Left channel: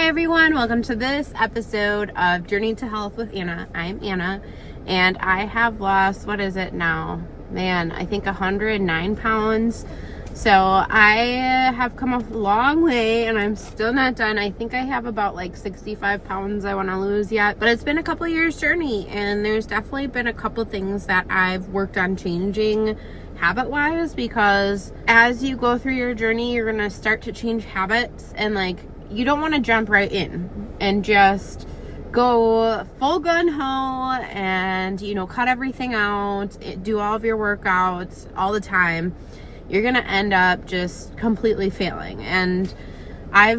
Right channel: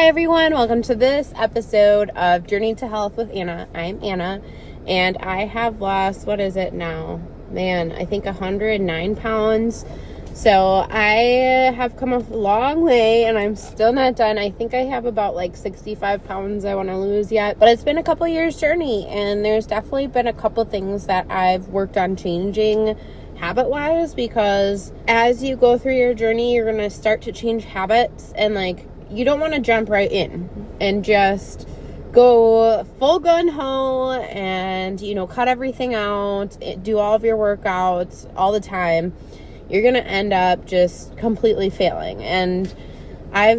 Hi everyone, welcome to this episode of Journey to Health with Anna. I'm Anna, and I have lost, what is it now? Man, I think 109 pounds. So I have come a long way, and I'm still not done. I think I have about like 65 pounds I want to lose yet, but it's been a couple years journey, and there's definitely been a couple things that I've worked on changing habit-wise, because as you go through your journey, you're going to start to change habits, and like, you don't want to jump right in and just go full gun ho and, cut everything out, do all of your workouts all the time. You're going to end up just completely failing. And I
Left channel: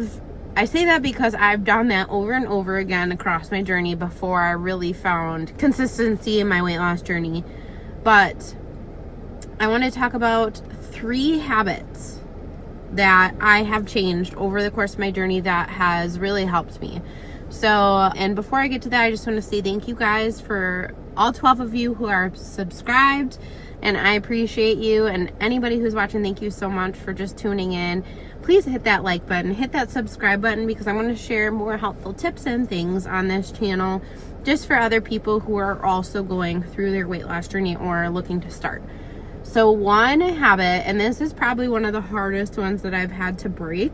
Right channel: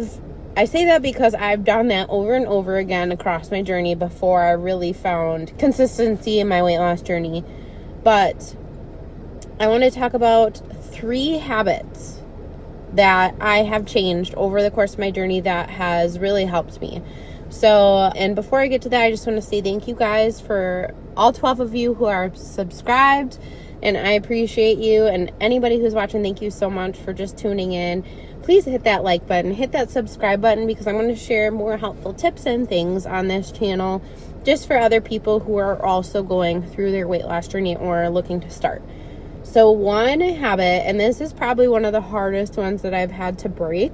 say that because I've done that over and over again across my journey before I really found consistency in my weight loss journey. But I want to talk about 3 habits that I have changed over the course of my journey that has really helped me. So, and before I get to that, I just want to say thank you guys for all 12 of you who are subscribed, and I appreciate you. And anybody who's watching, thank you so much for just tuning in. Please hit that like button, hit that subscribe button, because I want to share more helpful tips and things on this channel just for other people who are also going through their weight loss journey or looking to start. So one habit, and this is probably one of the hardest ones that I've had to break,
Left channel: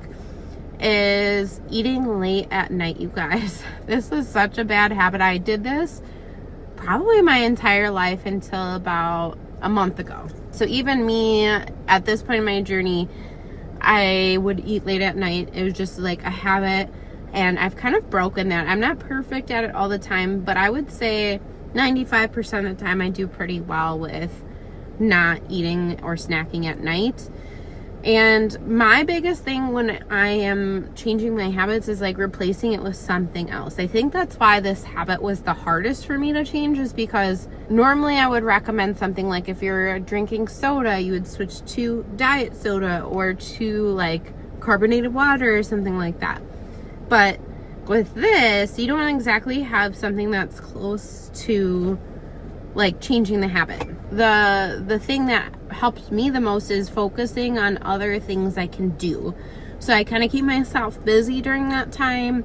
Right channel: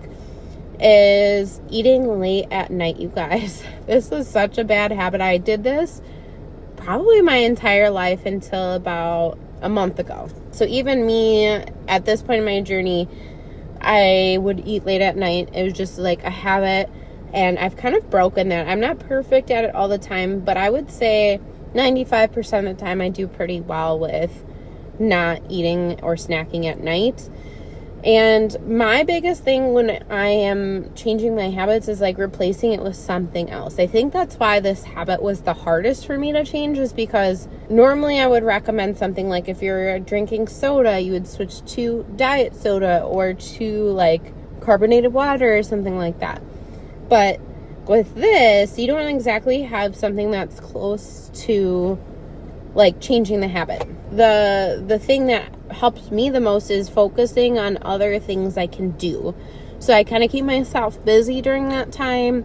is eating late at night, you guys. This is such a bad habit. I did this probably my entire life until about a month ago. So even me at this point in my journey, I would eat late at night. It was just like a habit, and I've kind of broken that. I'm not perfect at it all the time, but I would say 95% of the time I do pretty well with not eating or snacking at night. And my biggest thing when I am changing my habits is like replacing it with something else. I think that's why this habit was the hardest for me to change, is because normally I would recommend something like, if you're drinking soda, you would switch to diet soda or to like carbonated water or something like that. But with this, you don't exactly have something that's close to like changing the habit. The thing that helps me the most is focusing on other things I can do. So I kind of keep myself busy during that time.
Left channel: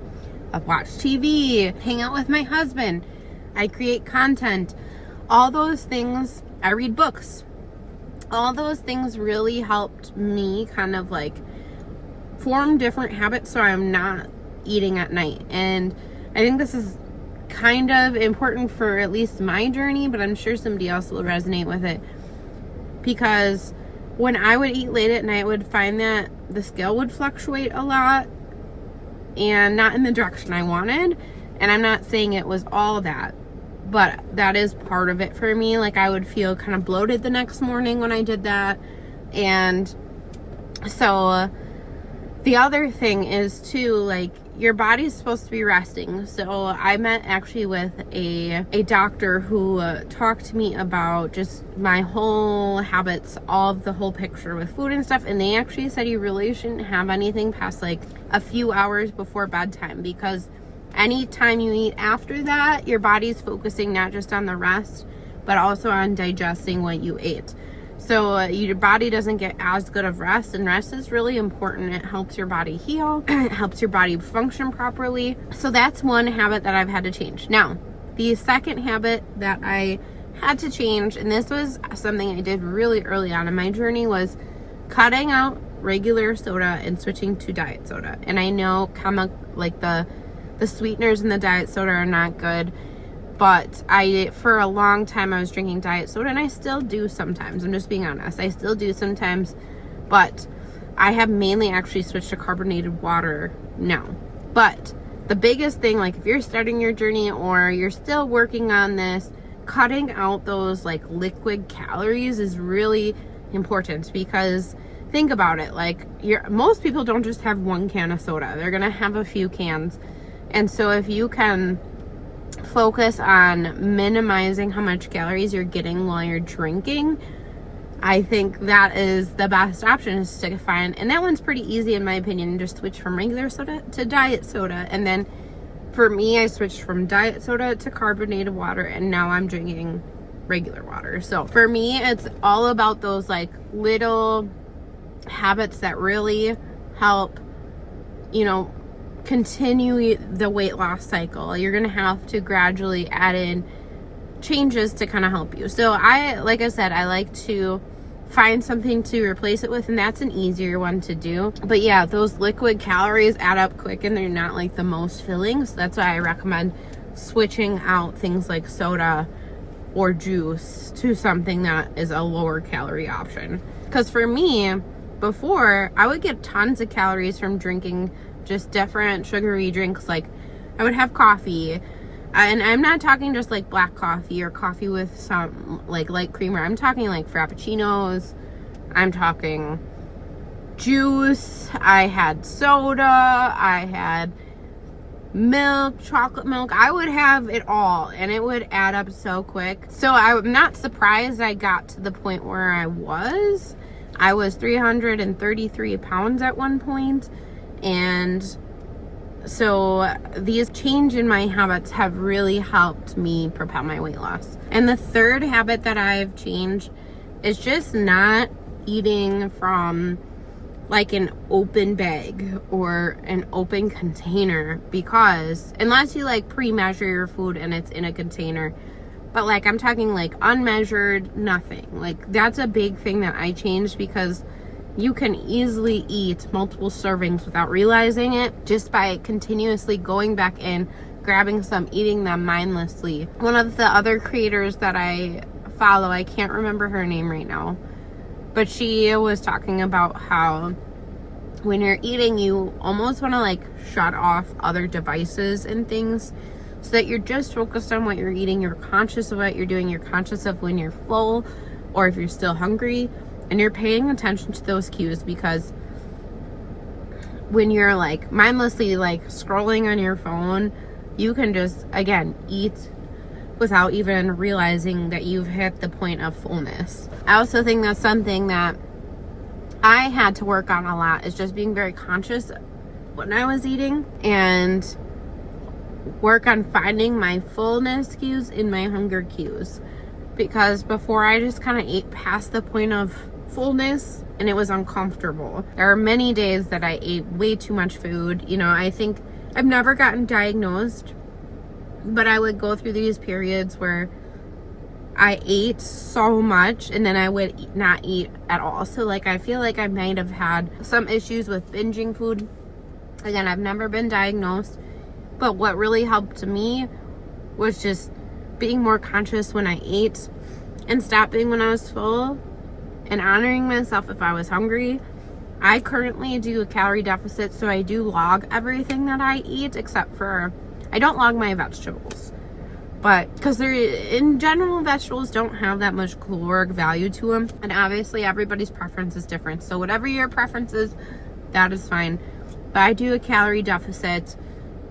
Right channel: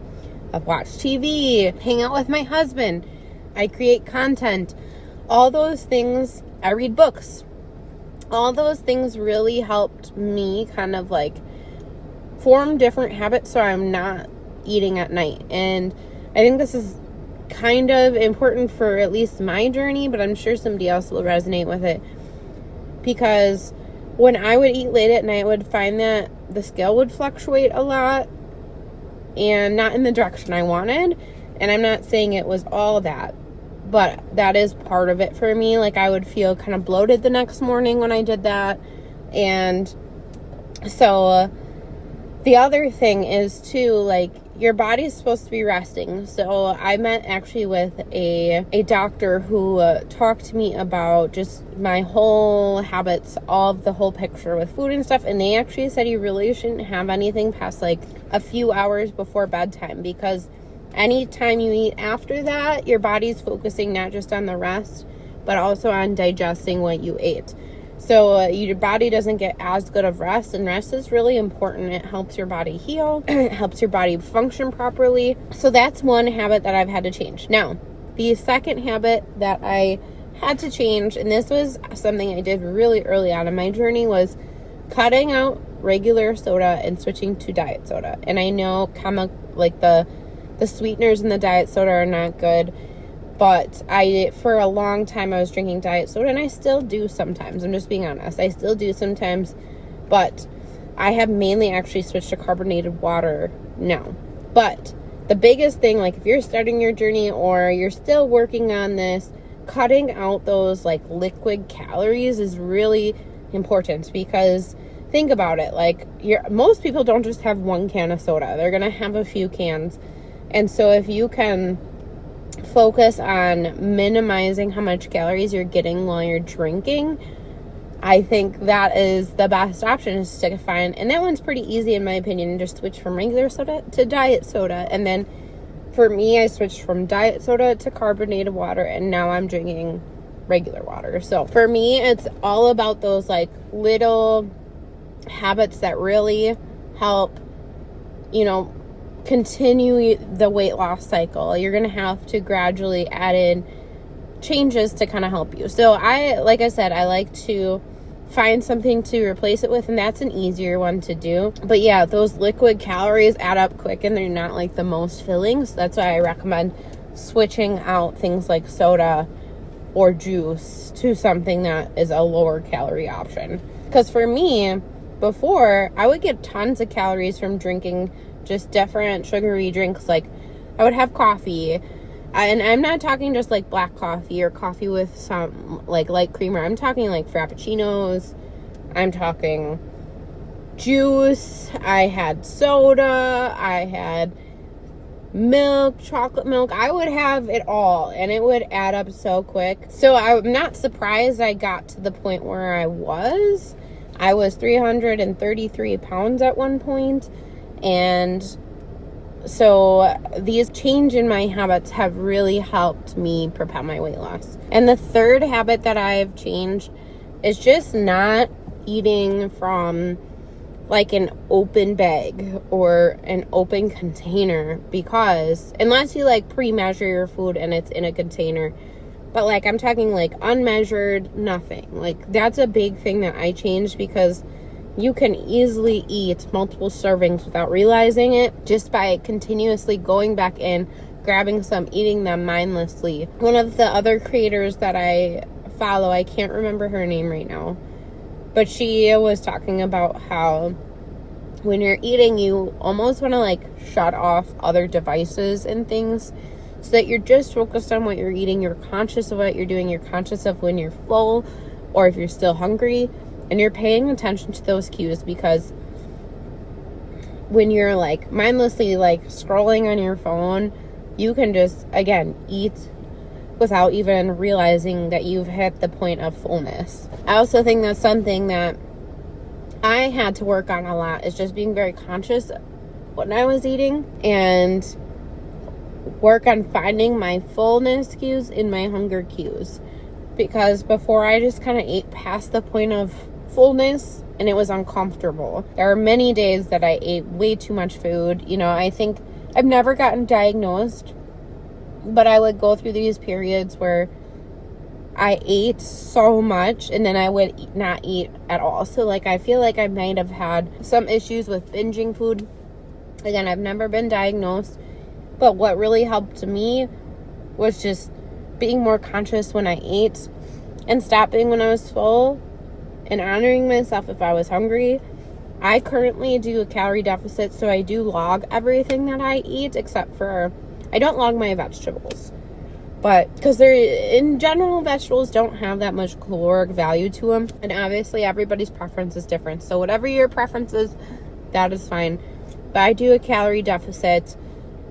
I watch TV, hang out with my husband, I create content, all those things. I read books. All those things really helped me kind of like form different habits so I'm not eating at night. And I think this is kind of important for at least my journey, but I'm sure somebody else will resonate with it, because when I would eat late at night, I would find that the scale would fluctuate a lot and not in the direction I wanted. And I'm not saying it was all that, but that is part of it for me. Like, I would feel kind of bloated the next morning when I did that. And so the other thing is too, like, your body's supposed to be resting. So I met actually with a doctor who talked to me about just my whole habits, all of the whole picture with food and stuff. And they actually said you really shouldn't have anything past like a few hours before bedtime, because anytime you eat after that, your body's focusing not just on the rest, but also on digesting what you ate. So your body doesn't get as good of rest, and rest is really important. It helps your body heal, it helps your body function properly. So that's one habit that I've had to change. Now, the second habit that I had to change, and this was something I did really early on in my journey, was cutting out regular soda and switching to diet soda. And I know like the sweeteners in the diet soda are not good, but for a long time I was drinking diet soda, and I still do sometimes. I'm just being honest. I still do sometimes, but I have mainly actually switched to carbonated water now. But the biggest thing, like if you're starting your journey or you're still working on this, cutting out those like liquid calories is really important, because think about it. Like, most people don't just have one can of soda. They're going to have a few cans. And so if you can focus on minimizing how much calories you're getting while you're drinking, I think that is the best option, is to find, and that one's pretty easy in my opinion, just switch from regular soda to diet soda. And then for me, I switched from diet soda to carbonated water, and now I'm drinking regular water. So for me, it's all about those like little habits that really help, continue the weight loss cycle. You're going to have to gradually add in changes to kind of help you. So like I said, I like to find something to replace it with, and that's an easier one to do. But yeah, those liquid calories add up quick and they're not like the most filling. So that's why I recommend switching out things like soda or juice to something that is a lower calorie option. Because for me, before, I would get tons of calories from drinking just different sugary drinks. Like I would have coffee, and I'm not talking just like black coffee or coffee with some like light creamer. I'm talking like frappuccinos. I'm talking juice. I had soda. I had milk, chocolate milk. I would have it all, and it would add up so quick. So I'm not surprised I got to the point where I was 333 pounds at one point. And so these change in my habits have really helped me propel my weight loss. And the third habit that I've changed is just not eating from like an open bag or an open container, because unless you like pre-measure your food and it's in a container, but like I'm talking like unmeasured, nothing. Like that's a big thing that I changed, because you can easily eat multiple servings without realizing it just by continuously going back in, grabbing some, eating them mindlessly. One of the other creators that I follow, I can't remember her name right now, but she was talking about how when you're eating, you almost want to like shut off other devices and things so that you're just focused on what you're eating. You're conscious of what you're doing. You're conscious of when you're full or if you're still hungry. And you're paying attention to those cues, because when you're like mindlessly like scrolling on your phone, you can just, again, eat without even realizing that you've hit the point of fullness. I also think that's something that I had to work on a lot, is just being very conscious when I was eating, and work on finding my fullness cues in my hunger cues. Because before, I just kind of ate past the point of fullness and it was uncomfortable. There are many days that I ate way too much food. You know, I think I've never gotten diagnosed, but I would go through these periods where I ate so much and then I would not eat at all. So like I feel like I might have had some issues with binging food. Again, I've never been diagnosed, but what really helped me was just being more conscious when I ate and stopping when I was full and honoring myself if I was hungry. I currently do a calorie deficit, so I do log everything that I eat, except for I don't log my vegetables. But because they're, in general, vegetables don't have that much caloric value to them. And obviously everybody's preference is different. So whatever your preference is, that is fine. But I do a calorie deficit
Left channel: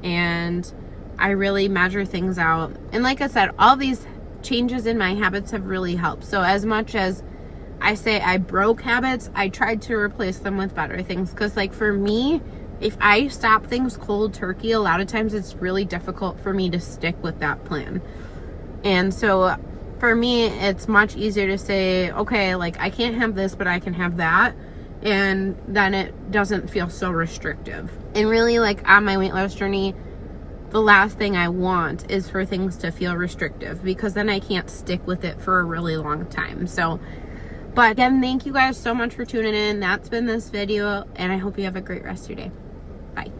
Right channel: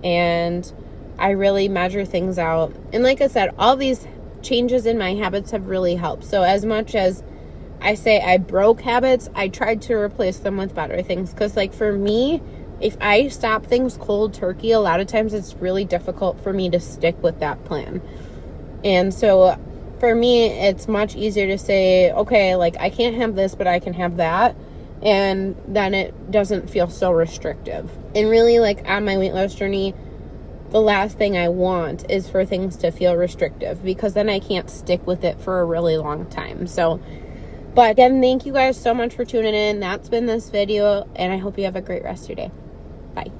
and I really measure things out. And like I said, all these changes in my habits have really helped. So as much as I say I broke habits, I tried to replace them with better things. Because like for me, if I stop things cold turkey, a lot of times it's really difficult for me to stick with that plan. And so for me, it's much easier to say, okay, like I can't have this, but I can have that. And then it doesn't feel so restrictive. And really, like on my weight loss journey, the last thing I want is for things to feel restrictive, because then I can't stick with it for a really long time. So, but again, thank you guys so much for tuning in. That's been this video, and I hope you have a great rest of your day. Bye.